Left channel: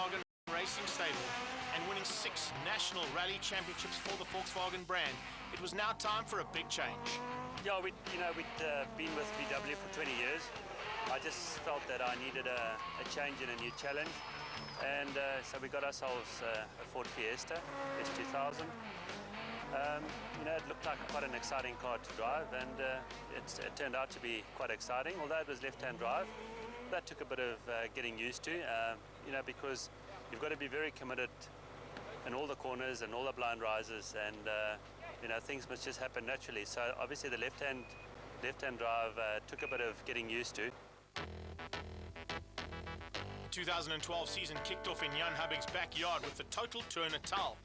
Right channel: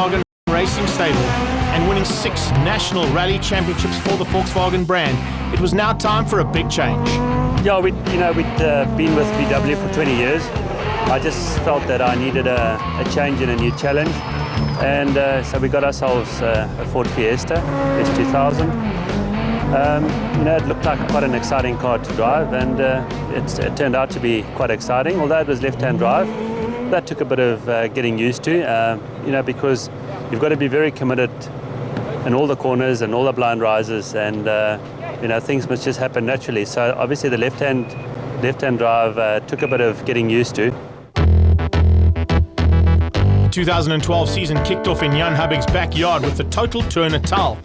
Volkswagen Racing stable and winning 6 national rally championships for the Volkswagen brand, it was now time for a big change. Yeah, we'd been with VW for 20 years. I just felt that I needed a change and a new challenge, and so we got ourselves a Ford Fiesta S2000. It looked like quite an exciting car to drive, and it turned out to be quite exciting, although it was left-hand drive. That took a bit of getting used to, because you've got to be very committed in all the corners and all the blind rises, and things must just happen naturally. So obviously the left-hand drive took a bit of getting used to. The 2012 season kicked off in Jan Habig's backyard with the Total Tour Natal.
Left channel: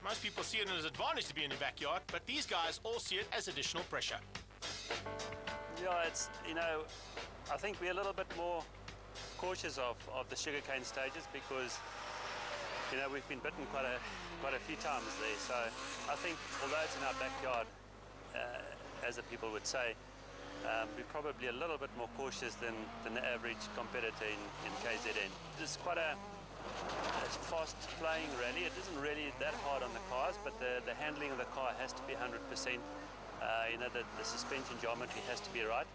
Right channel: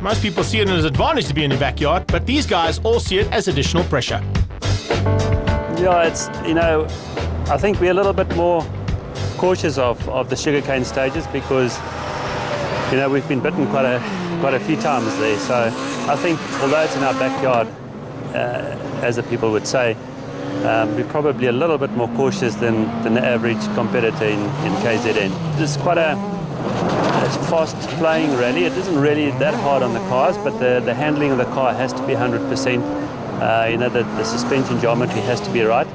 Most people see it as an advantage to be in the backyard, but these guys all see it as additional pressure. Yeah, it's, I think we're a little bit more cautious of the sugarcane stages because, we've been bitten quite a few times there. So I think, although it's in our backyard, as the people would say, we're probably a little bit more cautious than the average competitor in KZN. It's quite a fast-playing rally. It isn't really that hard on the cars, but the handling of the car has to be 100%. The suspension geometry has to be right.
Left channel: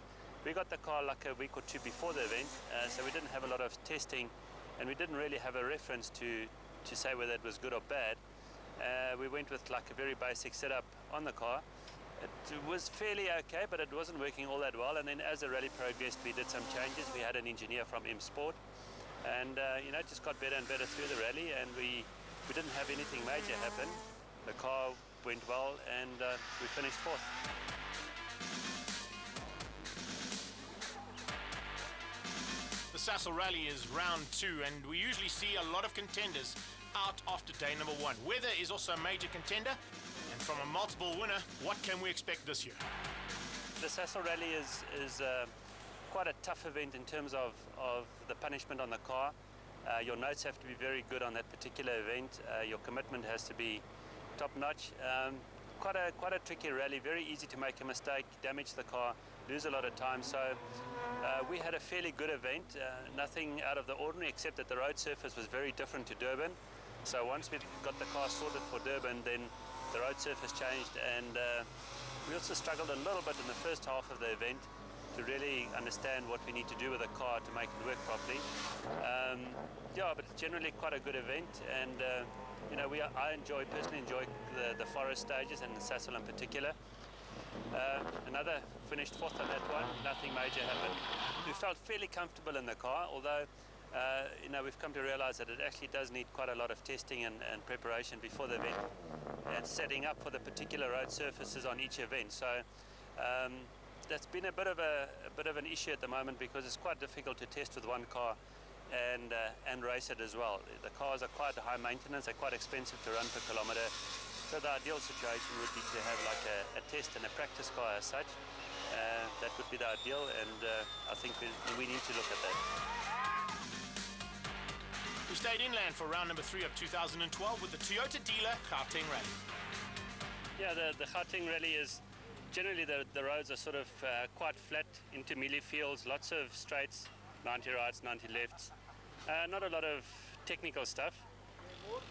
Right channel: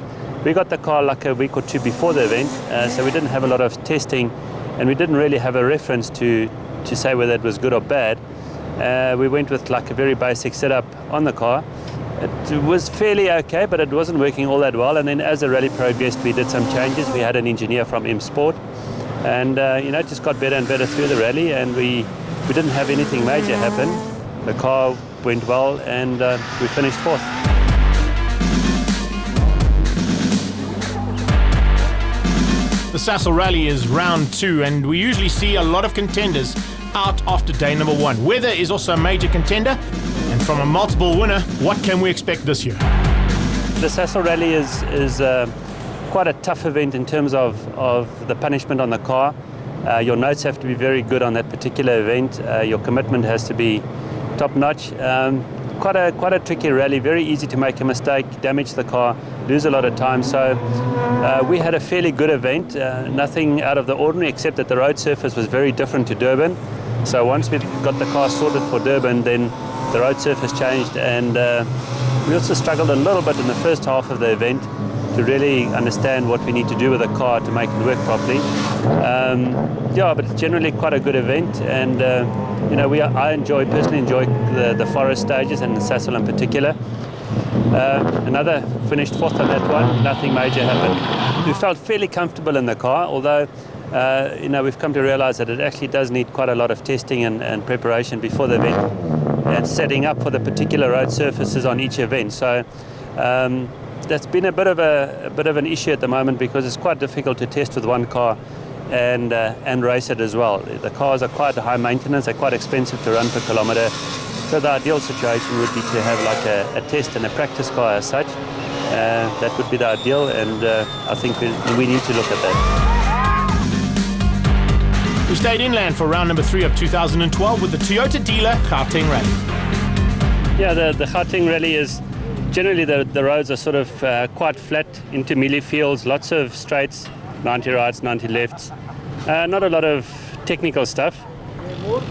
We got the car like a week or two before the event, so we didn't have a lot of testing, and we didn't really have a reference to say whether it was good or bad. We went with like a very basic setup on the car. It was fairly okay, but it wasn't working all that well. And then as the rally progressed, we did some changes. We had an engineer from M Sport, and it just got better and better through the rally, and we didn't have anything major happen. The car went well, and we finished 4th. The Sasol Rally is round 2, and we usually see a lot of contenders out after day number 1. Weather is also a major contender, and from a multiple winner, what can we expect this year? The Sasol Rally is quite a tough event in terms of the punishment on the car. Your notes have to be very good on that particular event. Your commitment has to be top-notch. Quite a tricky rally, very easy to make a mistake, damage the car, lose a lot of time. So we had a fairly good event, nothing out of the ordinary, except that the road surface was very different to Durban. So once we got the car sorted for Durban, then the road surface changed, and we also struggled a little bit in the first half of the event to really understand what we need to do with the car to make it work properly. But it's generally quite a good event, and I personally enjoy the forest stages and the Sasol in particular. Another finished 4th on that one, nothing major happened. We felt fairly comfortable in the car, although we've come to realize that it actually does need quite a lot of testing and preparation before the event and setting up for the particular road surfaces on each event. So that's been a bit of an issue at the moment, because it's quite difficult to test with one car and race it as well. The cars are quite high maintenance, they're quite expensive to run per kilometre. So the ideal situation would be to have like a test and a practice car as such. That would be the ideal, and I think we need to look at that. We stayed inland for round number 3 of 2012 with the Toyota dealer Gauteng Rally. Yeah, the Gauteng Rally is generally the roads are sort of quite flat, into mealie fields, lots of straights, 90 rights, 90 lefts. Not a lot of technical stuff.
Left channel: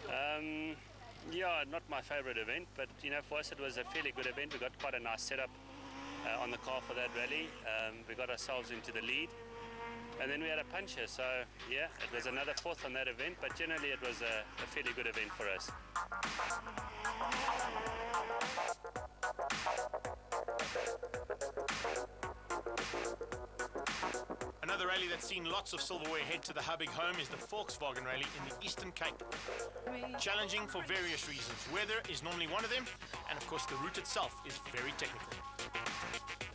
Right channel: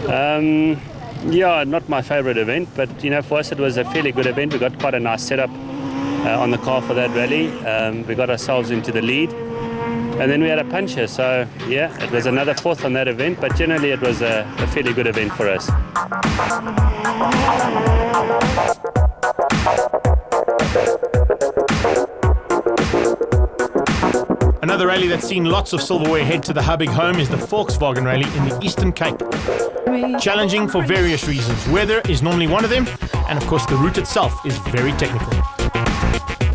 Not my favorite event, but for us it was a fairly good event. We got quite a nice setup on the car for that rally. We got ourselves into the lead, and then we had a puncher. So yeah, it was another 4th on that event, but generally it was a fairly good event for us. Another rally that's seen lots of silverware head to the Habig home is the Volkswagen Rally in the Eastern Cape. Challenging for various reasons. Weather is normally one of them, and of course the route itself is very technical.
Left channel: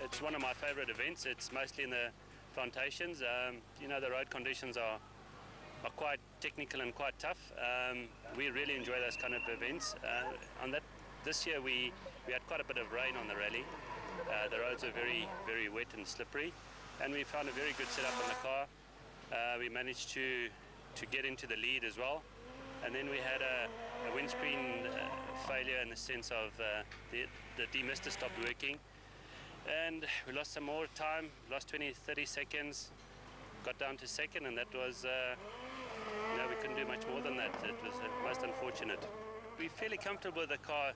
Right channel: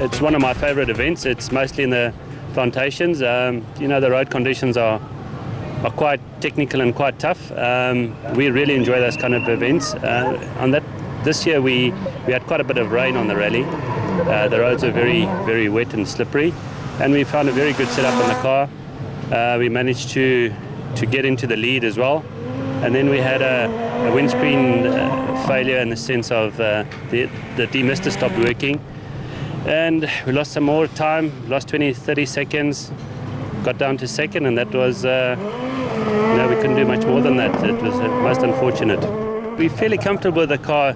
It's one of my favorite events. It's mostly in the plantations. The road conditions are quite technical and quite tough. We really enjoy those kind of events. This year we had quite a bit of rain on the rally. The roads are very, very wet and slippery, and we found a very good setup on the car. We managed to get into the lead as well, and then we had a windscreen failure in the sense of the demister stopped working, and we lost some more time, lost 20-30 seconds, got down to 2nd, and that was we couldn't do much more than that. It was most unfortunate. We're fairly comfortable with the car,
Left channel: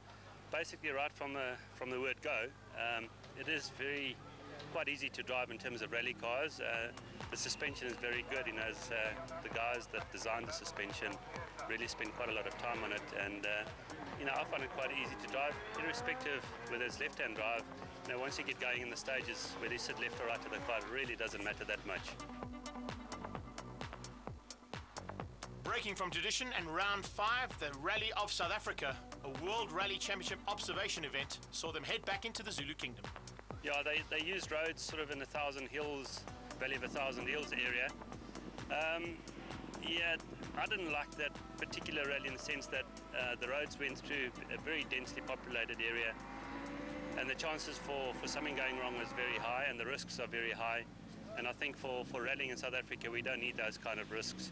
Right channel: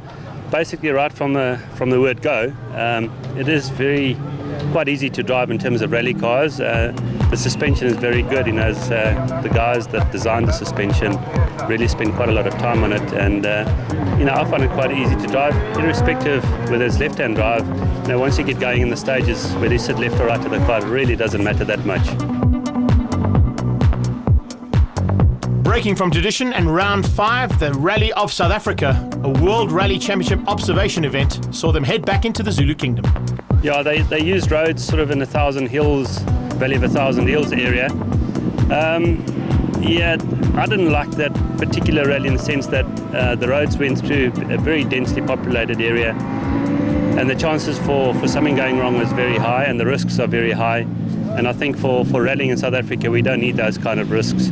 basically right from the word go. It is quite easy to drive in terms of rally cars. The suspension is very good. The guys that designed the suspension really spend quite a lot of time on it, and I find it quite easy to drive, irrespective whether it's left-hand drive. Once you get going in the stages, whether you sit left or right of the car, it really doesn't matter that much. Breaking from tradition, and round 5, the Rally of South Africa, a World Rally Championship observation event, saw them head back into the Zulu Kingdom. Yeah, they used roads sort of in the Thousand Hills, Valley of the Thousand Hills area. Yeah, I didn't like that particular rally in the sense that the roads went through a very densely populated area, and the chances for something going wrong was very high, and the risks are very high. And I think for rallying in South Africa, we don't need those kind of risks.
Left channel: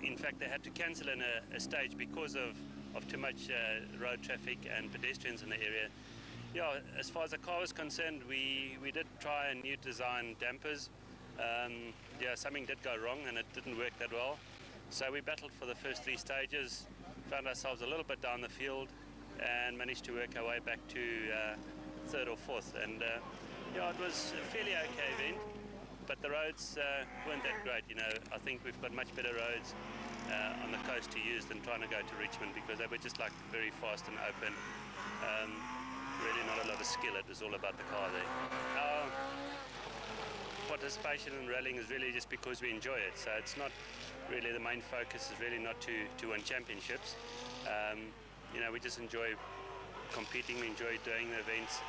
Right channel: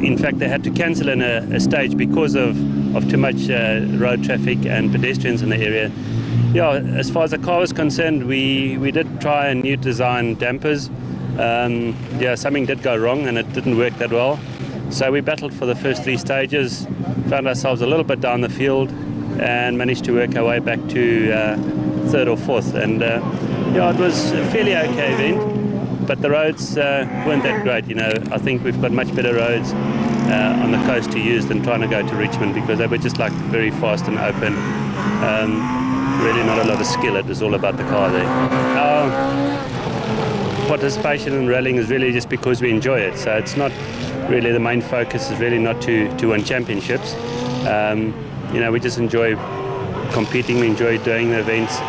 In fact, they had to cancel in a stage because of too much road traffic and pedestrians in the area. Yeah, as far as the car was concerned, we did try a new design dampers. Yeah, something did go wrong and it didn't work that well. So we battled for the first 3 stages, found ourselves a little bit down the field, and managed to work our way back to 3rd or 4th. And yeah, it was a fairly okay event, but the roads weren't that great. I think we've got much better roads on the coast to use than trying to go to Richmond, because they were just like very fast and open. Really not a lot of skill. It was all about the car there. Our participation in rallying is really just because we enjoy it. So it's not really the main focus. Is really not to win championships. We just enjoy competing. We enjoy doing the events.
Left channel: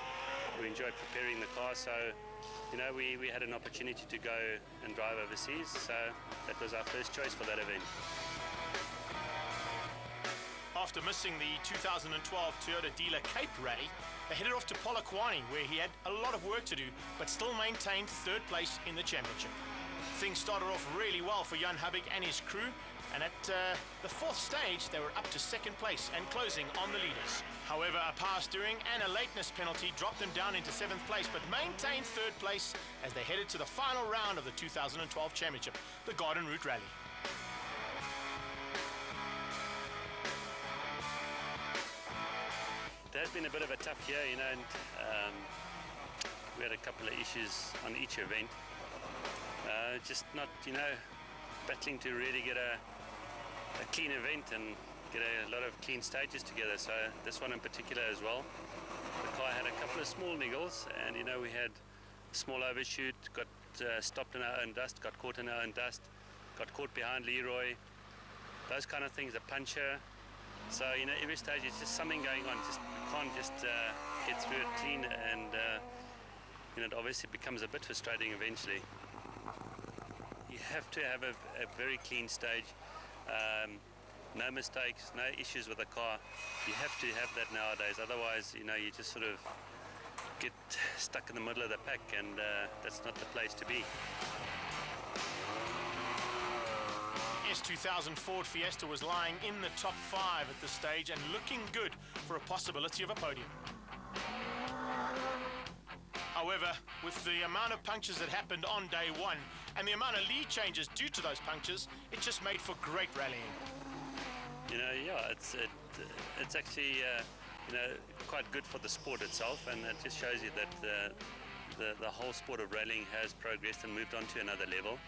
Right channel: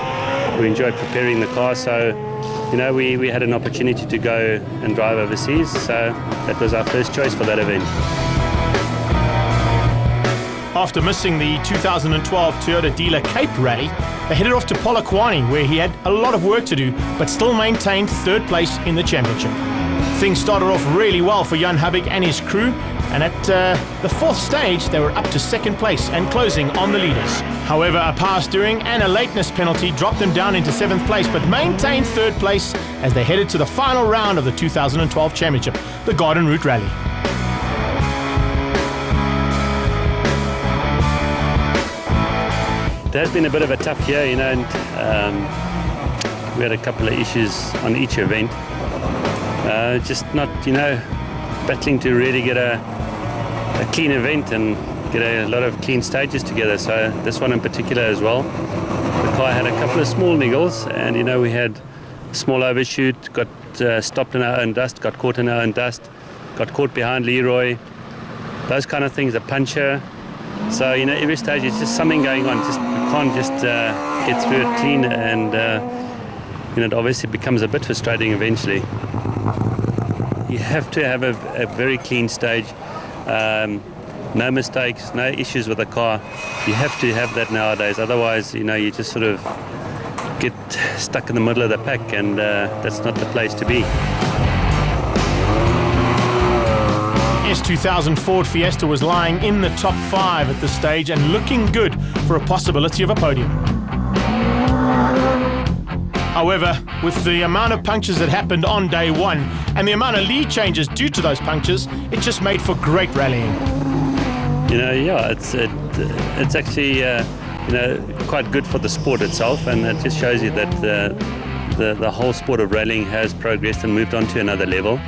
We enjoy preparing the car. So, we had an opportunity to go and drive overseas. So that was our first choice for that event. After missing the 2012 Toyota Dealer Cape Rally, they headed off to Polokwane, where he had a lot of work to do, but still maintained 3rd place in the championship. Things started off really well for Jan Habig and his crew, and at the 4th stage, they were up to 2nd place and closing on the leaders. However, a power steering and a lateness penalty dropped them down into 7th place, but maintained 3rd place as they headed to the final round of the 2012 championship, the Garden Route Rally. It has been a bit of a tough year, and we had a couple of issues on each event. Just not, battling to really get a clean event and get a lot of clean stages together. So this one in particular as well. The car had a couple of small niggles, and we had a small overshoot, got stopped in our own dust, got caught in our own dust, got caught behind Leroy, those kind of things, a puncture. So, every stage it's just something going on. We can't just get through it clean, and it obviously becomes a bit frustrating eventually. You have to have a very clean stage, no mistakes, no issues with the car. You have to have that nowadays, otherwise, you just sort of get stuck in the middle of the pack, and that's not the place to be. S2000 Ford Fiesta was lying in the top 5 at this stage and looking good for a possibility of a podium. However, with the amount of punctures that happened on day 1 and the amount of lead changes due to those punctures, it just made for great rallying. Yeah, it's actually quite good for the sport itself, and it just shows you that the whole sport of rallying has progressed and moved on to another level.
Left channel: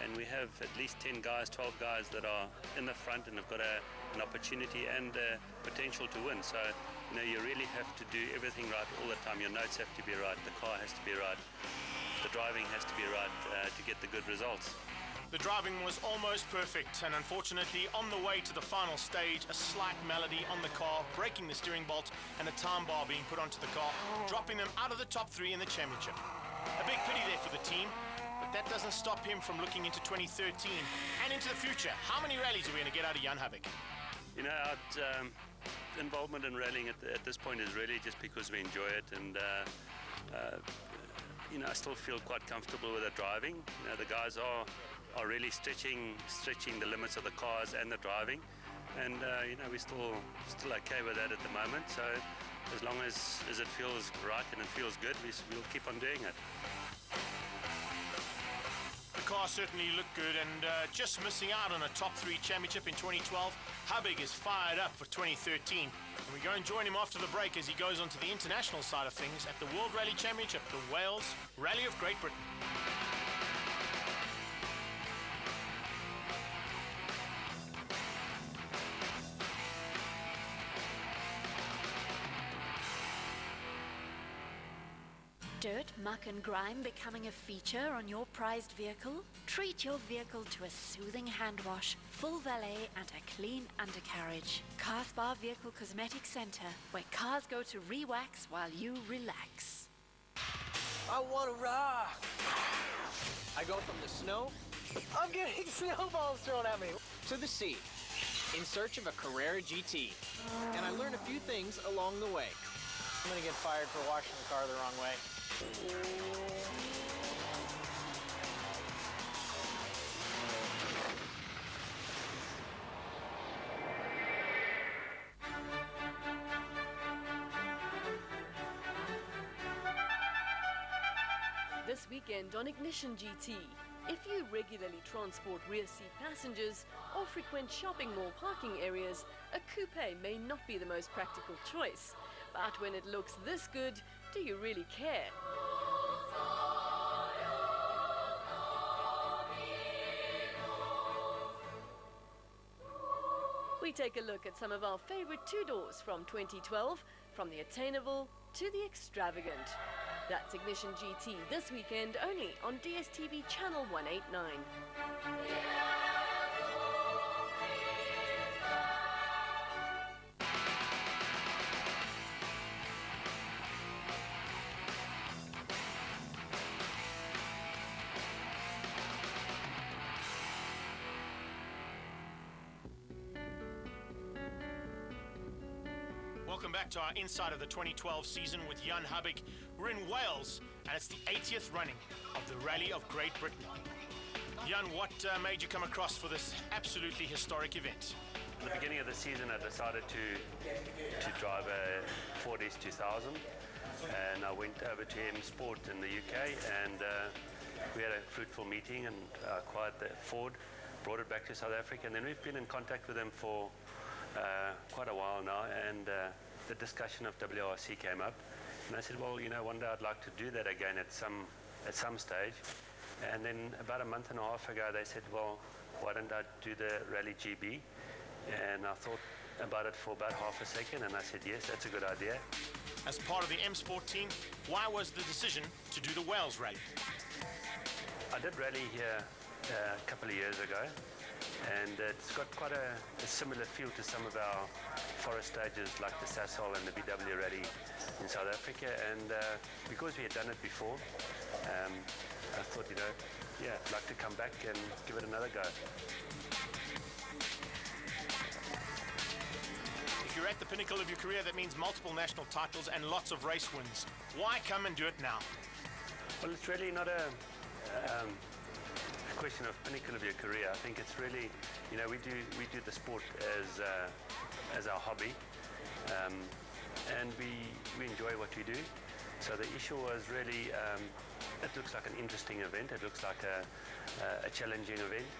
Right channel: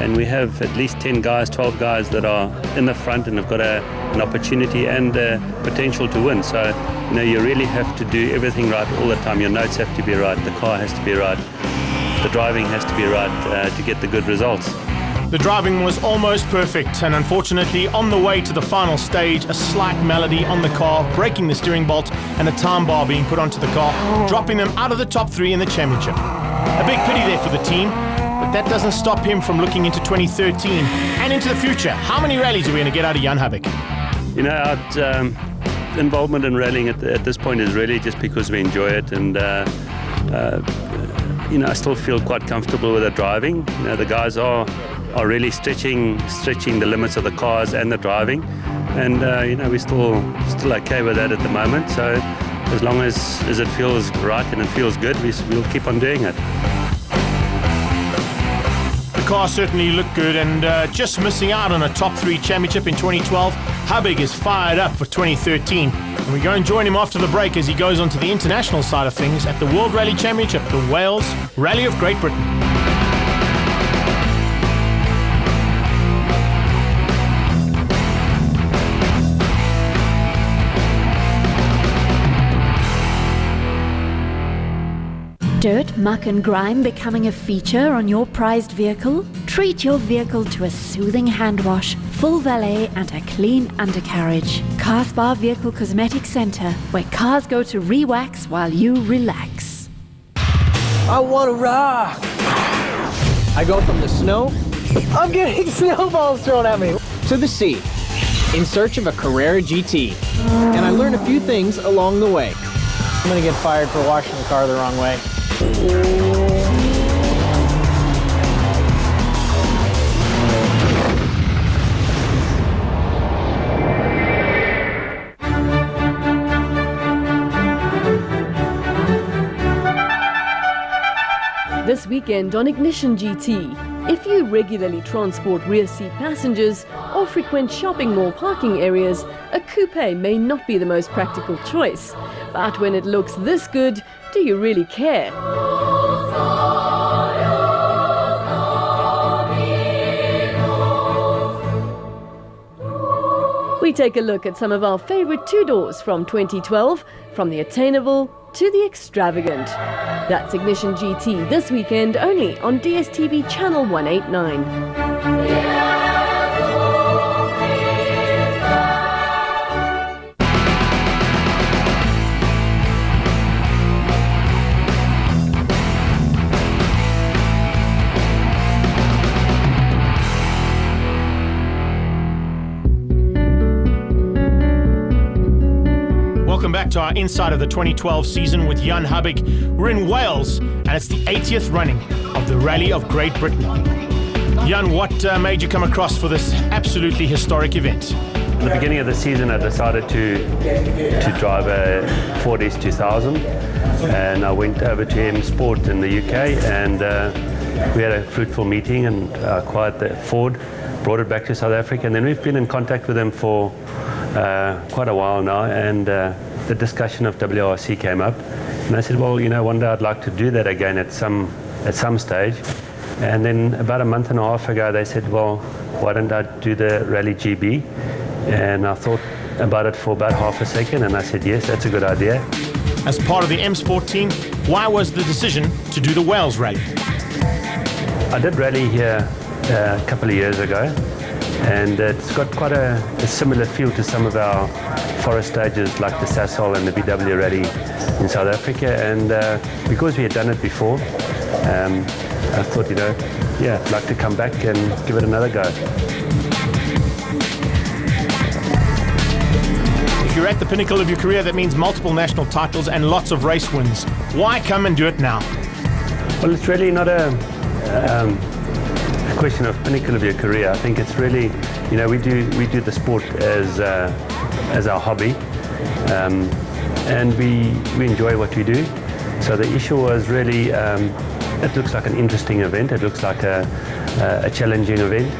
And we have at least 10 guys, 12 guys that are in the front and have got an opportunity and potential to win. So, you really have to do everything right all the time. Your notes have to be right, the car has to be right, the driving has to be right to get the good results. The driving was almost perfect, and unfortunately, on the way to the final stage, a slight malady on the car, breaking the steering bolt, and a time bar being put onto the car, dropping them out of the top 3 in the championship. A big pity there for the team. But that doesn't stop him from looking into 2013 and into the future. How many rallies are we going to get out of Jan Habig? Our involvement in rallying at this point is really just because we enjoy it, and I still feel quite comfortable with the driving. The guys are really stretching the limits of the cars and the driving, and we're still okay with that at the moment. So as long as it feels right and it feels good, we'll keep on doing it. The car certainly looked good, and just missing out on a top 3 championship in 2012, Habig is fired up for 2013. And we go and join him after the break as he goes on to the international side of things at the World Rally Championship, the Wales Rally of Great Britain. Dirt, muck and grime becoming a feature on your prized vehicle? Treat your vehicle to a soothing hand wash, full valet and a clean undercarriage. Car Spa Vehicle Cosmetic Center, where cars go to re-wax while you relax. I want to rock. I go from the snow, I'm getting snowballs thrown at me, to the sea, in search of a Carrera GT. And I learn a few things along the way. I'm gonna get fired for washing the car the wrong way. This weekend on Ignition GT, if you regularly transport rear seat passengers or frequent shopping mall parking areas, a coupe may not be the most practical choice. But when it looks this good, do you really care? We take a look at some of our favorite two-doors from 2012, from the attainable to the extravagant. That's Ignition GT this weekend only on DSTV channel 189. Welcome back to our Inside of the 2012 season with Jan Habig. We're in Wales, and it's the 80th running of the Rally of Great Britain. Jan, what made you come across for this absolutely historic event? At the beginning of the season, I decided to drive a Ford S2000, and I went over to M Sport in the UK, and we had a fruitful meeting and acquired the Ford, brought it back to South Africa, and then we've been in contact with them for quite a while now, and the discussion of WRC came up, and I said, well, you know, one day I'd like to do that again at some stage. And then about a month and a half ago, they said, well, why don't I do the Rally GB? And I thought about it for about half a second, and I said, yes, that's a good idea. As part of the M Sport team, why was the decision to do the Wales Rally? I did rally here a couple of years ago, and it's got quite a similar feel to some of our forest stages like the Sasol and the BW Rally in South Africa, and because we had done it before, I thought, you know, yeah, I'd like to come back and give it another go. If you're at the pinnacle of your career, that means multiple national titles and lots of race wins. Why come and do it now? Well, it's really not a question of pinnacle of your career. I think it's really, you know, we do the sport as our hobby, and we enjoy what we do. So the issue was really, it looks like an interesting event. It looks like a challenging event,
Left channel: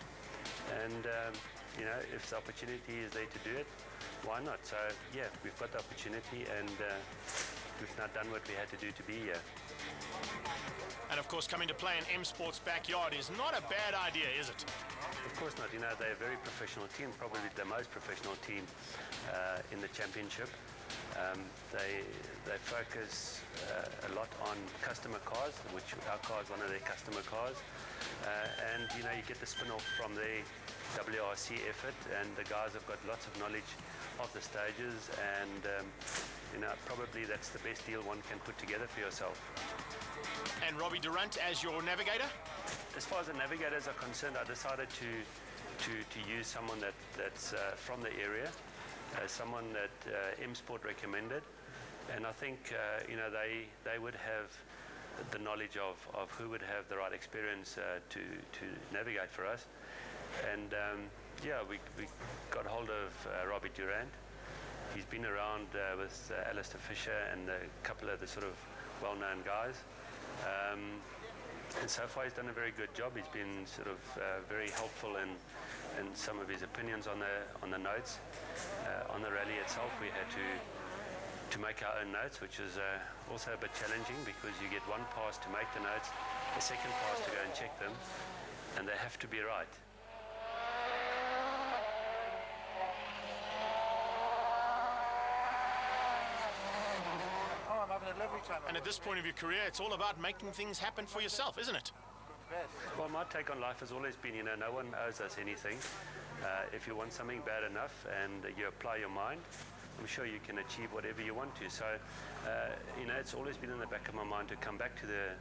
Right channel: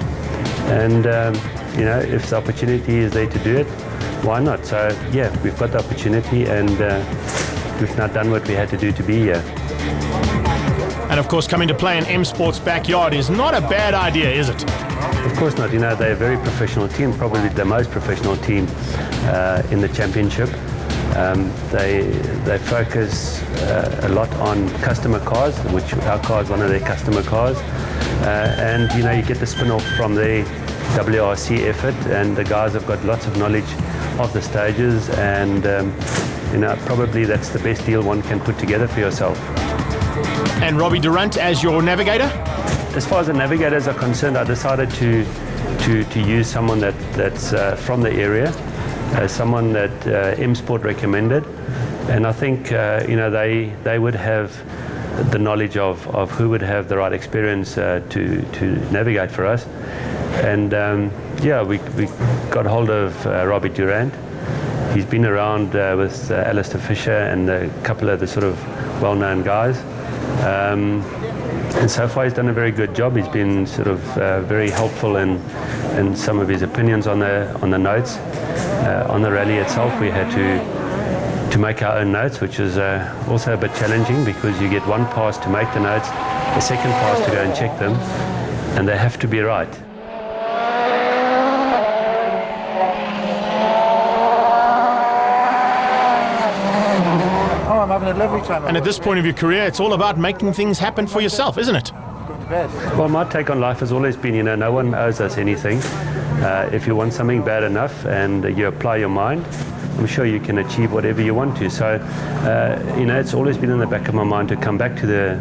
and you know, if the opportunity is there to do it, why not? So yeah, we've got the opportunity, and we've now done what we had to do to be here. And of course, coming to play in M Sport's backyard is not a bad idea, is it? Of course not. You know, they're a very professional team, probably the most professional team in the championship. They focus a lot on customer cars, which our car is one of their customer cars. And, you know, you get the spin-off from the WRC effort, and the guys have got lots of knowledge of the stages, and, you know, probably that's the best deal one can put together for yourself. And Robbie Durant as your navigator? As far as the navigators are concerned, I decided to use someone that's from the area, someone that M Sport recommended, and I think you know, they would have the knowledge of who would have the right experience to navigate for us. And yeah, we got hold of Robbie Durant. He's been around with Alistair Fisher and a couple of the sort of well-known guys. And so far he's done a very good job. He's been sort of very helpful in some of his opinions on the notes. On the rally itself, we had to make our own notes, which is also a bit challenging because you get one pass to make the notes, a second pass to go and check them, and they have to be right. Oh, I'm having a lovely time. And at this point of your career, it's all about making things happen for yourself, isn't it? Well, my take on life has always been, no one owes us anything. If you want something bad enough and you apply your mind, I'm sure you can achieve whatever you want to. So, it's always been in the back of my mind to come back to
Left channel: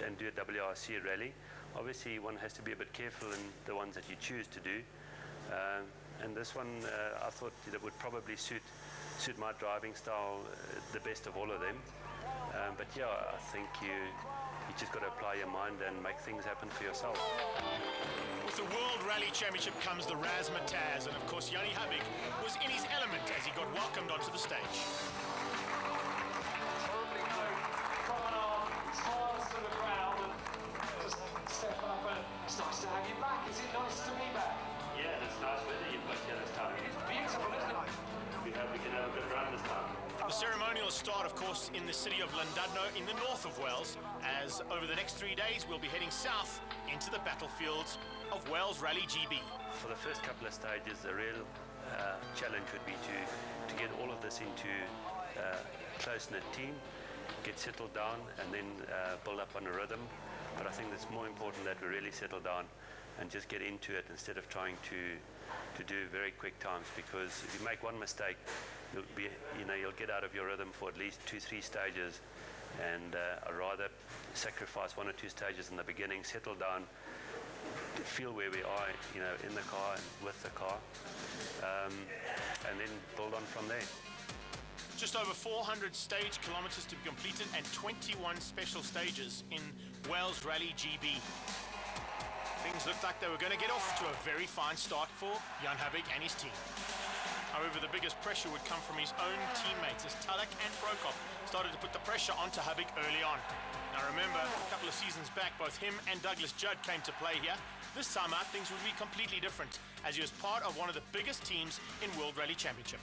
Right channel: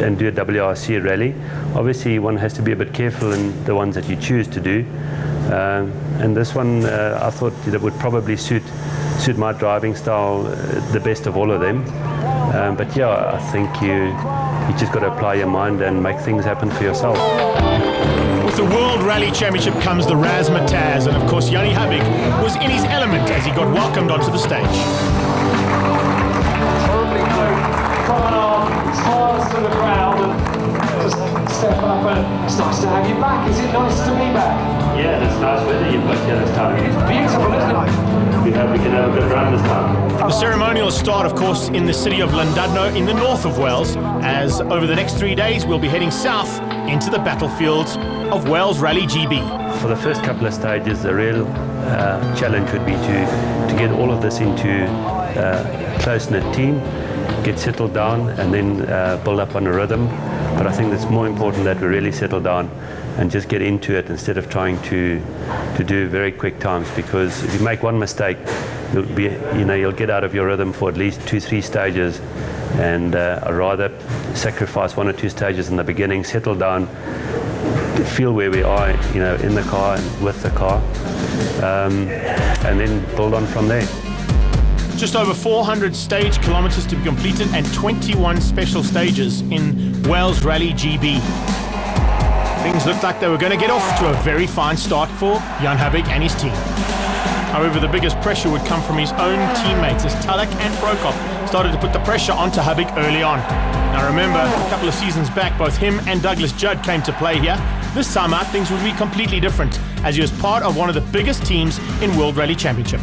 and do a WRC rally. Obviously, one has to be a bit careful in the ones that you choose to do. And this one, I thought that would probably suit my driving style the best of all of them. But yeah, I think you just got to apply your mind and make things happen for yourself. With the World Rally Championship comes the razzmatazz, and of course Yanni Habig was in his element as he got welcomed onto the stage. Coming on, smiles to the crowd, and just step up, and it's nice to have you back. Is it nice to be back? Yeah, it's nice weather you've got here this time. It's beautiful, isn't it? We hope we can have a good run this time. The ceremonial start, of course, in the city of Llandudno in the north of Wales, as over the next 3 days we'll be heading south into the battlefields of Wales Rally GB. For the first couple of stages, the real challenge would be to get all of this into a close-knit team, get settled down, and then build up on a rhythm. But I think it's more important that we really settle down and just get into it instead of trying to do very quick times, because if you make one mistake, you'll get out of your rhythm for at least 2-3 stages, and I'd rather sacrifice 1 or 2 stages in the beginning, settle down, feel where we are, in the car and with the car, and then build on from there. Just over 400 stage kilometers to be completed and 21 special stages in Wales Rally GB. Things looked like they were going to get off to a very fine start for Jan Habig and his team. However, the biggest pressure would come from his own teammates as Talek and Prokop started to put the pressure onto Habig early on. Now remember, a couple of seasons back, both him and Douglas Judd came to play here. This time out, things would be completely different, as he was part of one of the biggest teams in World Rally Championship.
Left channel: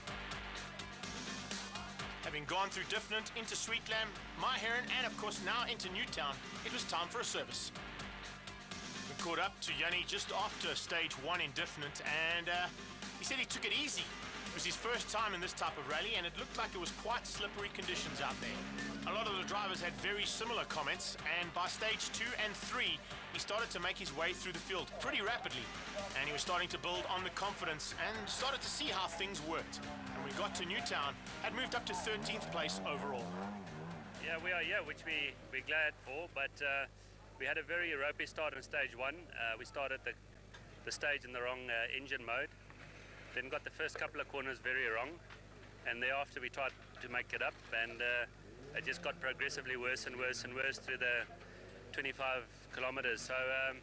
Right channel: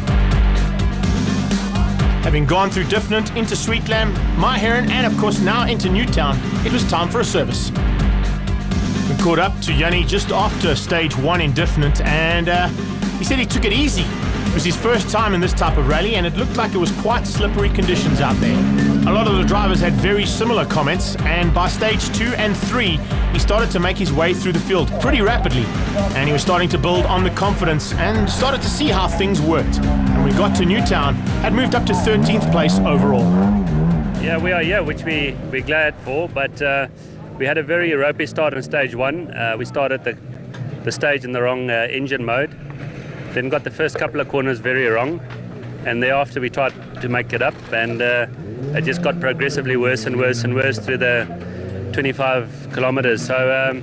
Having gone through Diffnant, into Sweetlam, Myheron, and of course now into Newtown, it was time for a service. We caught up to Yanni just after stage 1 in Diffnant, and he said he took it easy. It was his first time in this type of rally, and it looked like it was quite slippery conditions out there. A lot of the drivers had very similar comments, and by stage 2 and 3, he started to make his way through the field pretty rapidly, and he was starting to build on the confidence and started to see how things worked. And we got to Newtown, had moved up to 13th place overall. Yeah, we are here, which we're glad for, but we had a very ropey start in stage 1. We started the stage in the wrong engine mode, then got the first couple of corners very wrong, and thereafter we tried to make it up, and it just got progressively worse and worse and worse through the 25 kilometers. So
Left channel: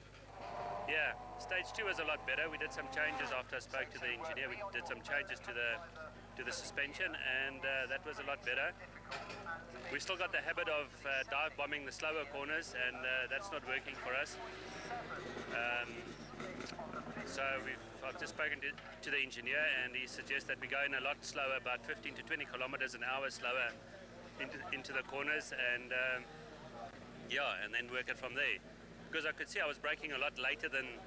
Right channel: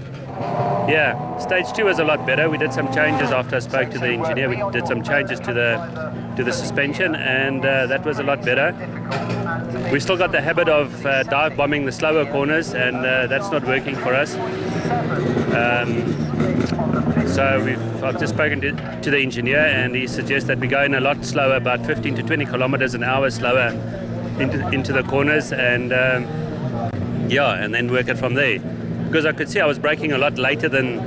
yeah, stage 2 was a lot better. We did some changes after I spoke to the engineer. We did some changes to the suspension, and that was a lot better. We still got the habit of dive bombing the slower corners, and that's not working for us. So I've just spoken to the engineer, and he suggests that we go in a lot slower, about 15 to 20 kilometers an hour slower into the corners, and and then work it from there. Because I could see I was braking a lot later than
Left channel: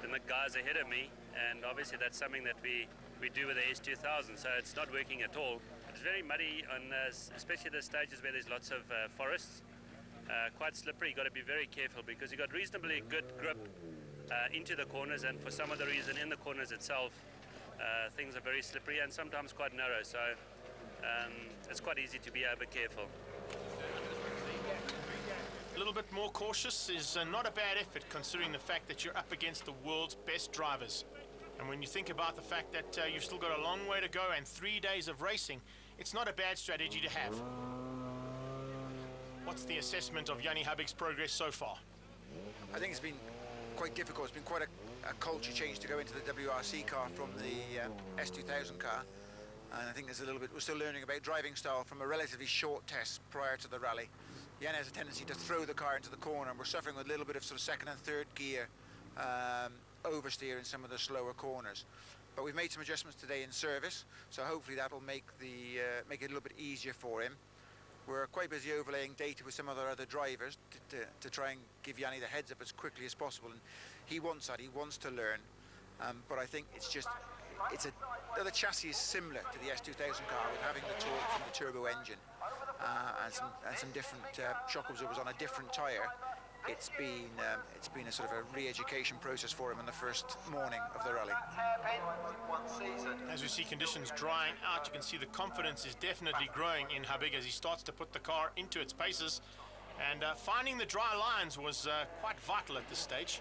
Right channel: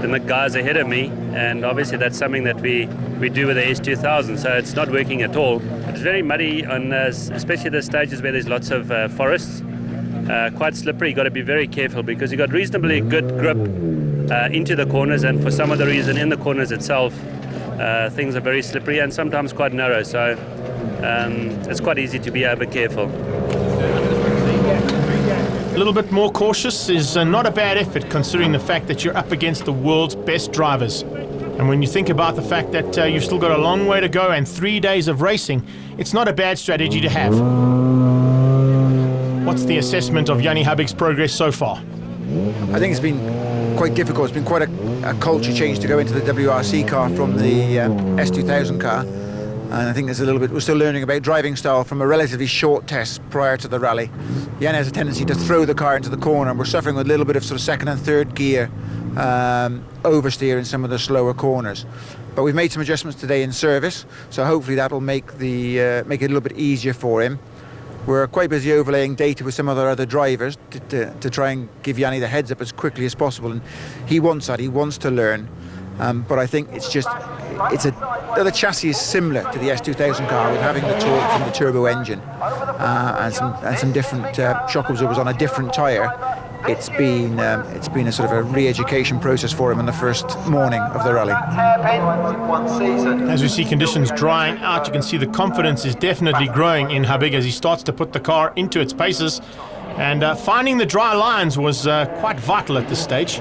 the guys ahead of me, and obviously that's something that we do with the S2000, so it's not working at all. It's very muddy, on especially the stages where there's lots of forests. Quite slippery. You've got to be very careful because you've got reasonably good grip into the corners, and for some other reason in the corners itself things are very slippery and sometimes quite narrow, so it's quite easy to be over careful. A little bit more cautious is not a bad effort, considering the fact that you're up against the world's best drivers. And when you think about the fact that you've still got a long way to go and 3 days of racing, it's not a bad strategy to have. What's the assessment of Yanni Habig's progress so far? I think it's been quite difficult. It's been quite a culture change to go into the WRC car from the S2000 car. And I think there's a little bit, we're still learning about driving style from a relatively short test prior to the rally. Yanni has a tendency to throw the car into the corner, and we're suffering with a little bit of sort of second and third gear oversteer in some of the slower corners. But we've made some adjustments today in service, so hopefully that'll make it a little bit easier for him. We're quite busy overlaying data with some of our other drivers to try and give Yanni the heads up as quickly as possible, and he wants that. He wants to learn, but I think the chassis is similar to the S2000 car, with having the torque from the turbo engine and some different shock absorbers on a different tyre. It's been a sort of a re-education process for him in the first morning of the rally. As we see conditions drying out, you can see the confidence is definitely growing in Habig as he starts to put the car into its paces. And finding the dry lines was quite vital at this stage.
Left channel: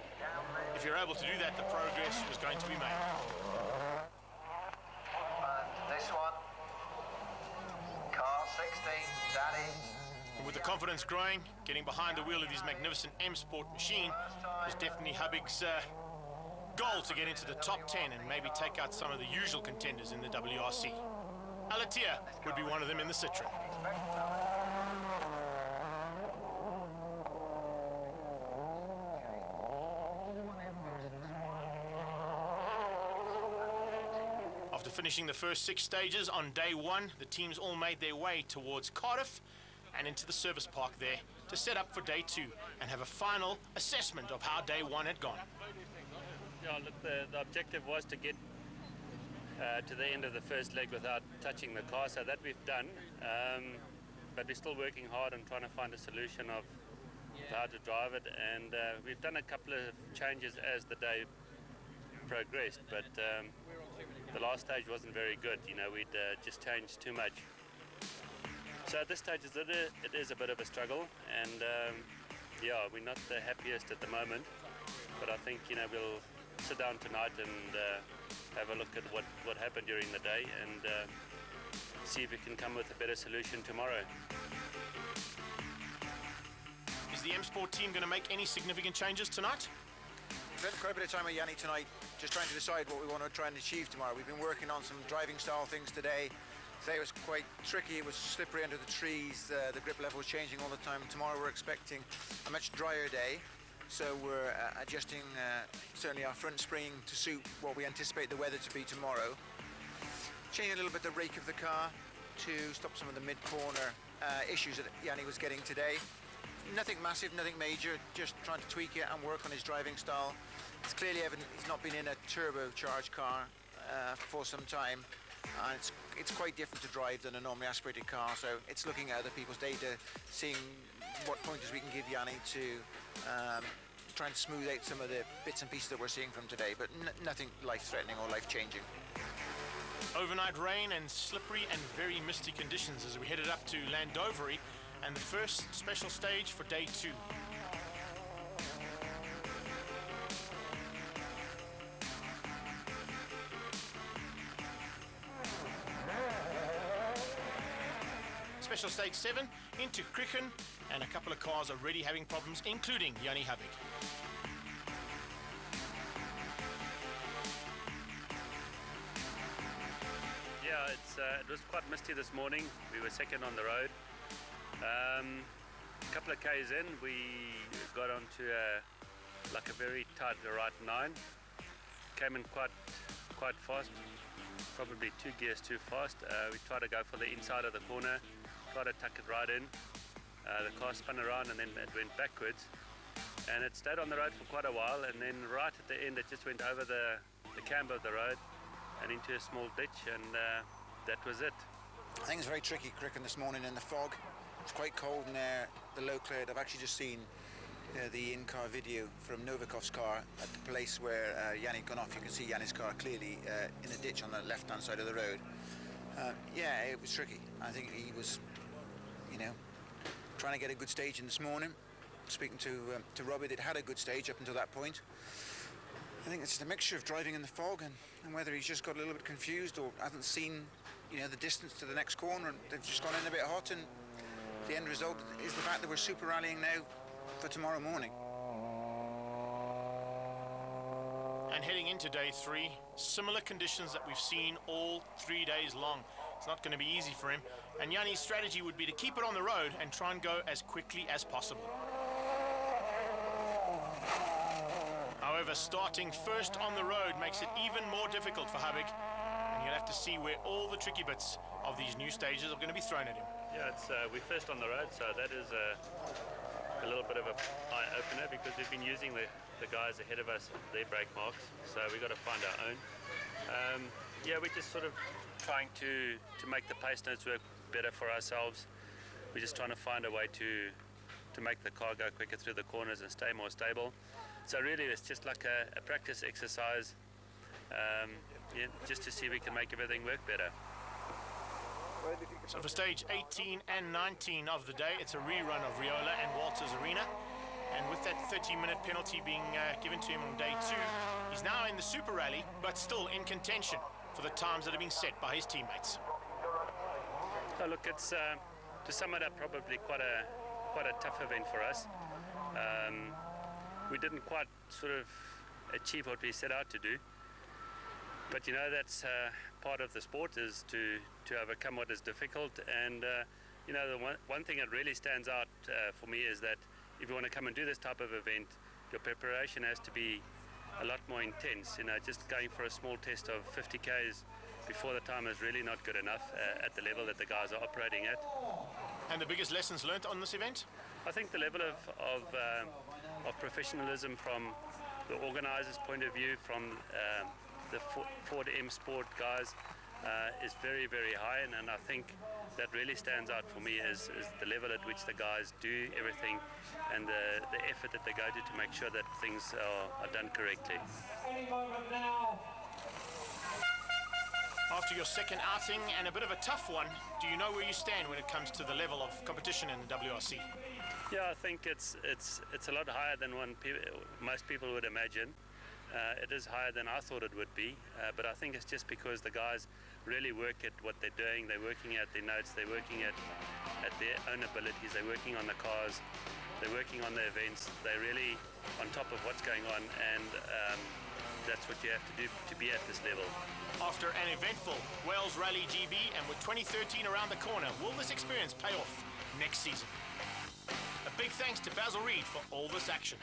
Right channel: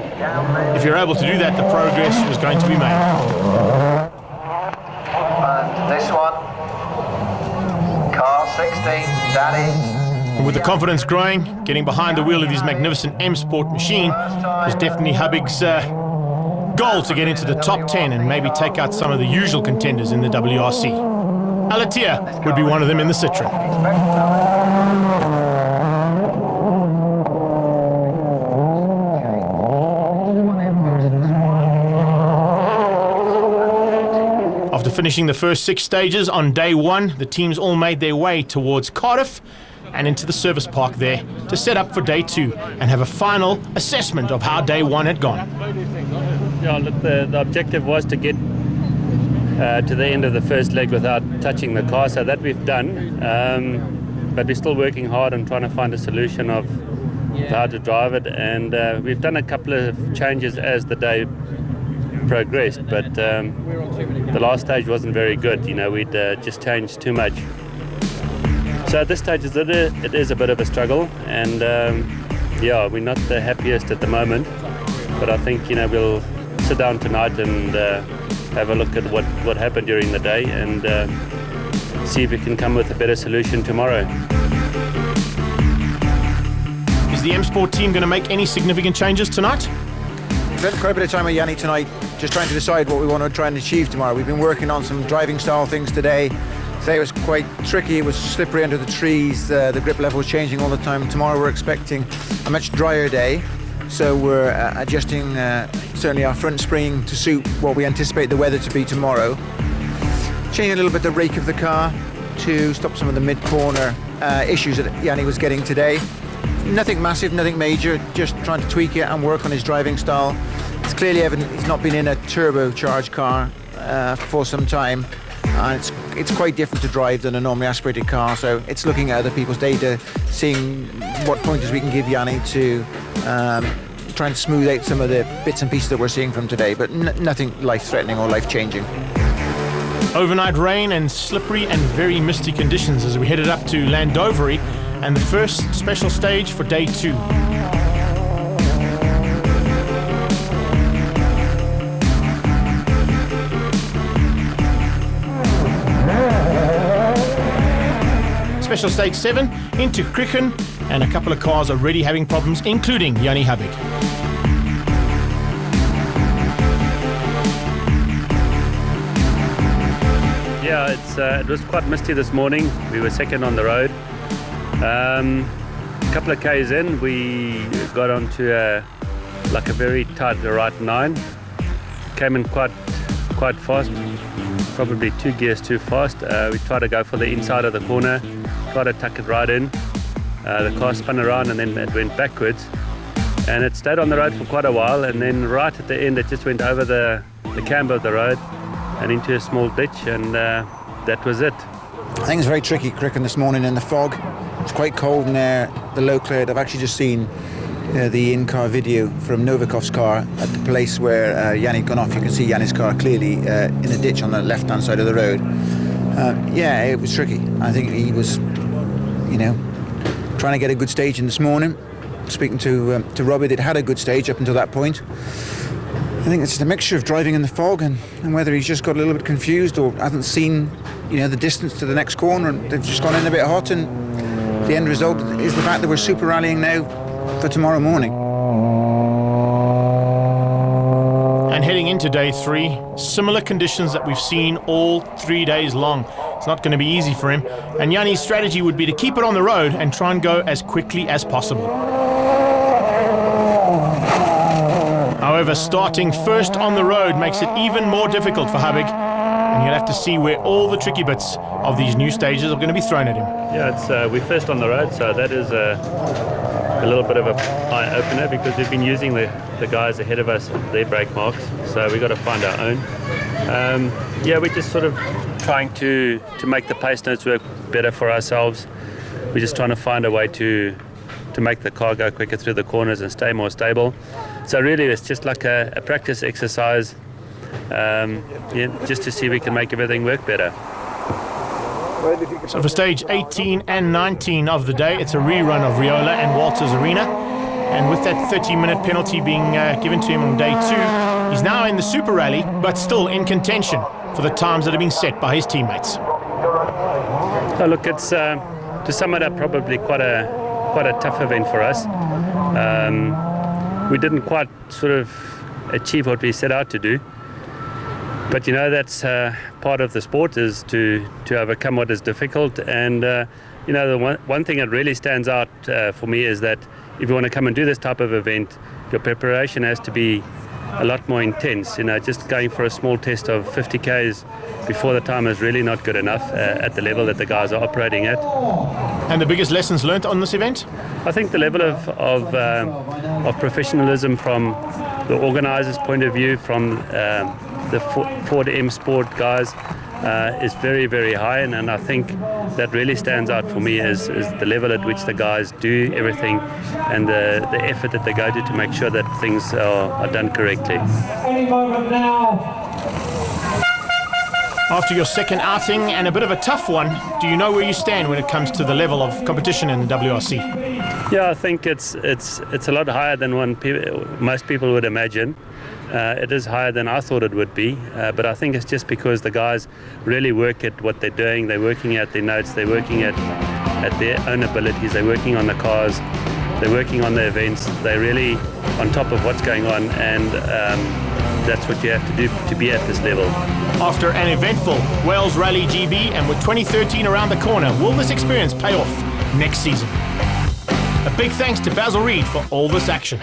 If you're able to do that, the progress was going to be made. And this one, car 16, Danny. And with the confidence growing, getting behind the wheel of his magnificent M Sport machine is definitely Habig's goal to get into the top 10 and maybe take out some of the usual contenders in the WRC. Alatia would be one of them in the Citroen. After finishing the first 6 stages on day 1, the teams all made their way towards Cardiff and into the service park there to set up for day 2 and have a final assessment of how day 1 had gone. Yeah, look, the objective was to get to the end of the first leg without touching the car, so that we've done. But we're still working hard on trying to find a solution of how to drive it, and we've done a couple of changes as the day progressed, but the last stage wasn't very good. You know, we'd just changed too much. So at this stage it is a bit of a struggle, and yeah, we're not the happiest at the moment, but I think, you know, we'll sit down tonight and have a look at what happened during the day and see if we can come with a better solution tomorrow. Is the M Sport team going to make any significant changes tonight? We've spent quite a bit of time with Yanni tonight just trying to decide what we want to try and achieve tomorrow. We've been working on some driving style things today. Today was quite tricky, it was slippery under the trees, the grip level was changing all the time. Tomorrow we're expecting a much drier day, so we're adjusting certainly our front spring to suit what we anticipate the weather to be tomorrow. Changing a little bit the rake of the car to stop some of the mid-corner issues that Yanni was getting today. Nothing massive, nothing major, just trying to tweak it and work on his driving style. It's clearly evident he's not been in a turbocharged car for some time. And it's quite different to drive than a normally aspirated car, so it's looking at other people's data, seeing what pointers we can give Yanni to try and smooth out some of the bits and pieces that we're seeing from today, but nothing life-threatening or life-changing. Overnight rain and slippery and very misty conditions as we headed up to Landovery and the first special stage for day 2. Special stage 7 into Crichen, and a couple of cars already having problems, including Yanni Habig. Yeah, it was quite misty this morning. We were second on the road. A couple of Ks in, we got onto a very tight right 9. Came in quite fast, probably 2 gears too fast. We tried to go for the inside of the corner, tried to tuck it right in. The car spun around and then it went backwards. And it stayed on the road for quite a while, and then right at the end it just went over the camber of the road and into a small ditch, and that was it. I think it's very tricky, Crichen, this morning in the fog. It's quite cold in there, the low cloud. I've actually just seen the in-car video from Novikov's car at the place where Yanni gone off. You can see Yanni's car clearly in a ditch on the left-hand side of the road. Yeah, it was tricky. I think he was, trying to get a good stage in this morning. Speaking to Robbie, they'd had a good stage up until that point. I think it's a mixture of driving in the fog and whether he's just got a little bit confused or hasn't seen, the distance to the next corner, and they've just gone in a bit hot, and the end result is the fact that we're super rallying now for tomorrow morning. And heading into day 3, similar conditions that we've seen all 3 days long. It's not going to be easy for him. And Yanni's strategy would be to keep it on the road and try and go as quickly as possible. However, starting first on the road makes it even more difficult for Habig. And you'll have to see where all the tricky bits of these new stages are going to be thrown at him. Yeah, we're first on the road, so that is a little bit of a eye-opener because we've been using the guys ahead of us, their brake marks, so we've got to find our own. Yeah, we're just sort of trying to make the pace notes work better for ourselves. We're just trying to find a way to make the car go quicker through the corners and stay more stable. So really it's just like a practice exercise, yeah, just to see if we can make everything work better. So for stage 18 and 19 of the day, it's a rerun of Riola and Walters Arena. And with that 30-minute penalty being given to him on day 2, he's now in the Super Rally, but still in contention for the times that have been set by his teammates. Oh, look, it's to sum it up, probably quite a tough event for us. We didn't quite sort of achieve what we set out to do. But you know, that's part of the sport, is to overcome what is difficult. And you know, the one thing that really stands out for me is that if you want to come and do this type of event, your preparation has to be a lot more intense. You know, just going for a small test of 50 Ks before the time is really not good enough at the level that the guys are operating at. And the biggest lessons learnt on this event? I think the level of professionalism from the organisers' point of view, from the Ford M Sport guys, is very, very high, and I think that really stands out for me is the level at which the guys do everything and the effort that they go to make sure that things are done correctly. Any moment now. After your second outing, and a bit of a tough one, do you know where you stand when it comes to the level of competition in the WRC? Yeah, I think it's a lot higher than most people would imagine. It is higher than I thought it would be, but I think it's just because the guys really work at what they're doing. They're working at their notes, they're working at their own abilities, they're working on the cars, they're working on the events. They're really on top of what's going on, and that's what you have to do to be at this level. After an eventful Wales Rally GB, and with 2013 around the corner, will this experience pay off next season? A big thanks to Basil Reid for all this action.